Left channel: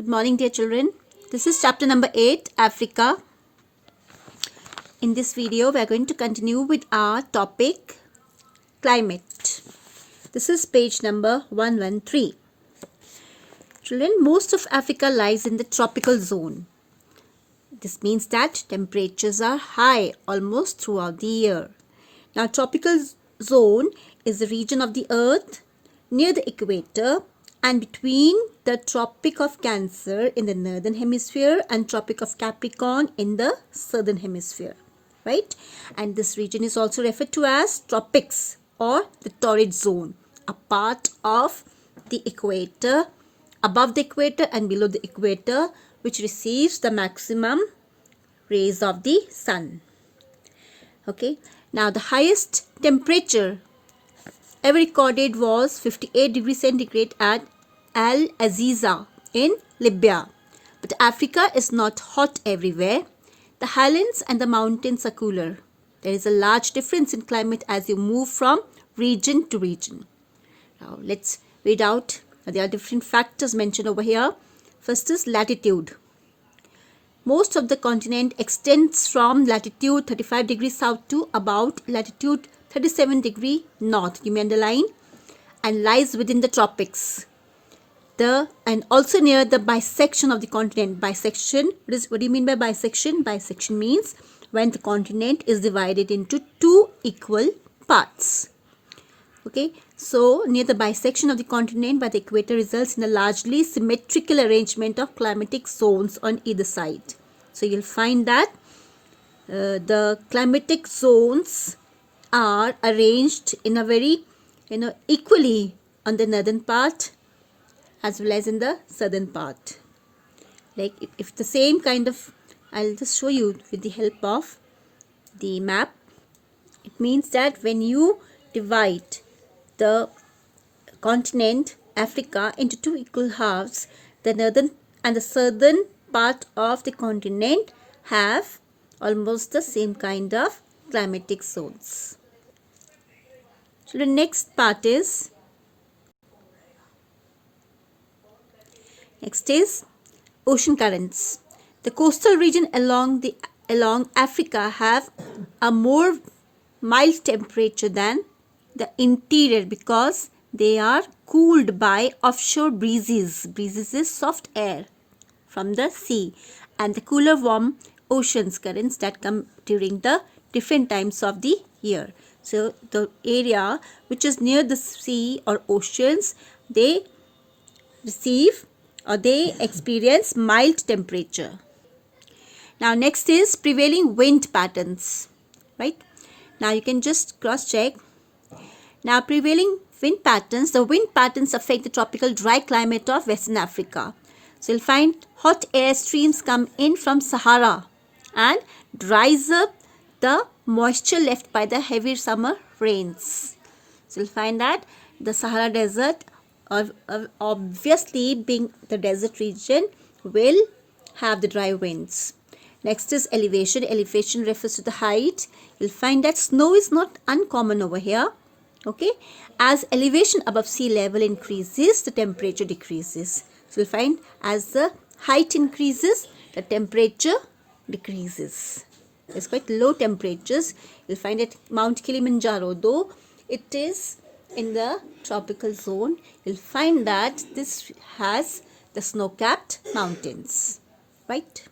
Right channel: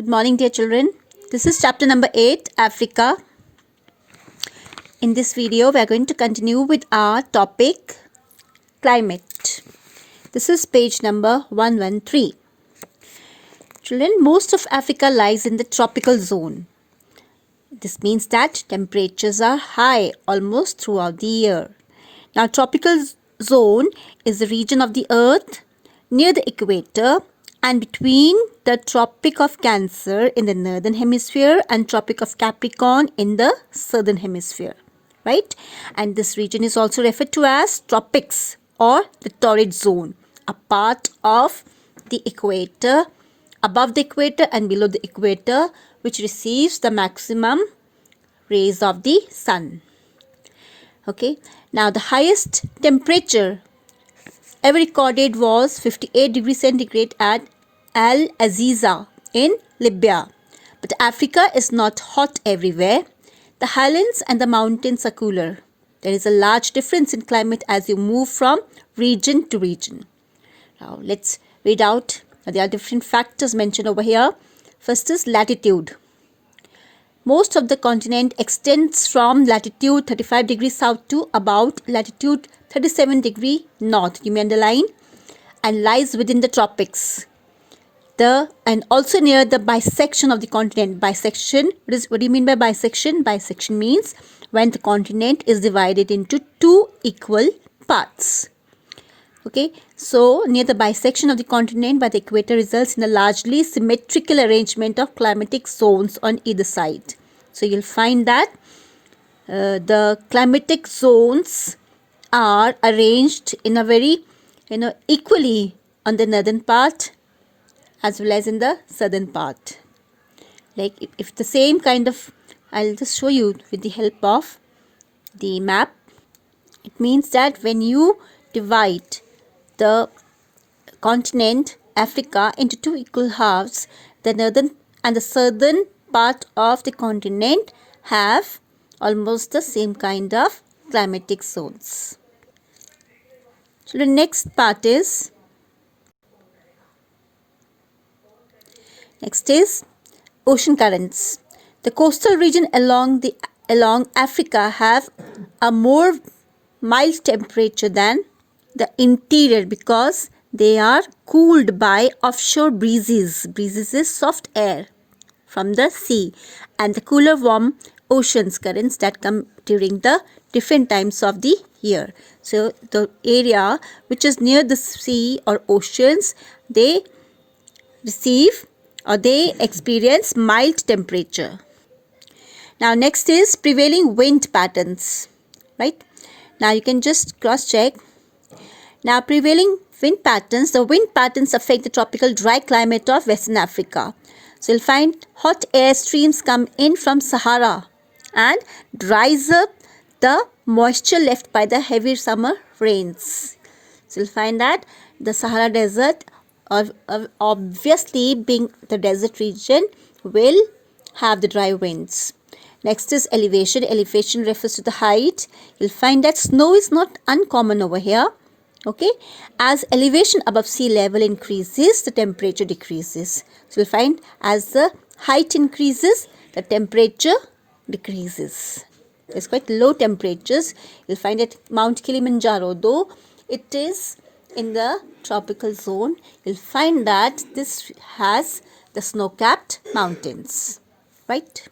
Good morning, dear children. This is chapter number 8, Africa. In this video, we are going to continue with our topic, climate. This is page number 113. Children, most of Africa lies in the tropical zone. This means that temperatures are high almost throughout the year. Now, tropical zone is the region of the earth near the equator and between the Tropic of Cancer in the northern hemisphere and Tropic of Capricorn in the southern hemisphere, right? And this region is also referred to as tropics or the torrid zone, a part of the equator, above the equator and below the equator, which receives the maximum rays of the sun. Okay, now the highest temperature ever recorded was 58 degrees centigrade at Al Aziza in Libya. But Africa is not hot everywhere. The highlands and the mountains are cooler. There is a large difference in climate as you move from region to region. Now let's read out. There are different factors mentioned over here. First is latitude. Most of the continent extends from latitude 35 degrees south to about latitude 37 degree north, you may underline, and lies within the tropics. And also near the bisection of the continent. Bisection, what do you mean by bisection? Bisection means when the continent is divided into two equal parts. Okay, so near the bisection of the continent by the equator results in a largely symmetrical arrangement of climatic zones on either side. So you'll find that the climatic zones are arranged in a very equally on the northern part as well as in the southern part. Like if the same kind of, I'll just show you with the help of the map. It means that when you divide the continent Africa into two equal halves, the northern and the southern part of the continent have almost the same kind of climatic zones. So the next part is ocean currents. The coastal region along Africa have a more mild temperature than the interior because they are cooled by offshore breezes. Breezes is soft air from the sea, and the cooler warm oceans currents that come during the different times of the year. So the area which is near the sea or oceans, they receive or they experience mild temperature. Now next is prevailing wind patterns, right? Now you can just cross check. Now prevailing wind patterns, the wind patterns affect the tropical dry climate of Western Africa. So you'll find hot air streams come in from Sahara and dries up the moisture left by the heavy summer rains. So you'll find that the Sahara Desert, obviously being the desert region, will have the dry winds. Next is elevation. Elevation refers to the height. You'll find that snow is not uncommon over here. Okay, as elevation above sea level increases, the temperature decreases. So you'll find as the height increases, the temperature decreases. It's quite low temperatures. You'll find at Mount Kilimanjaro, though it is in the tropical zone, you'll find that this has the snow-capped mountains, right?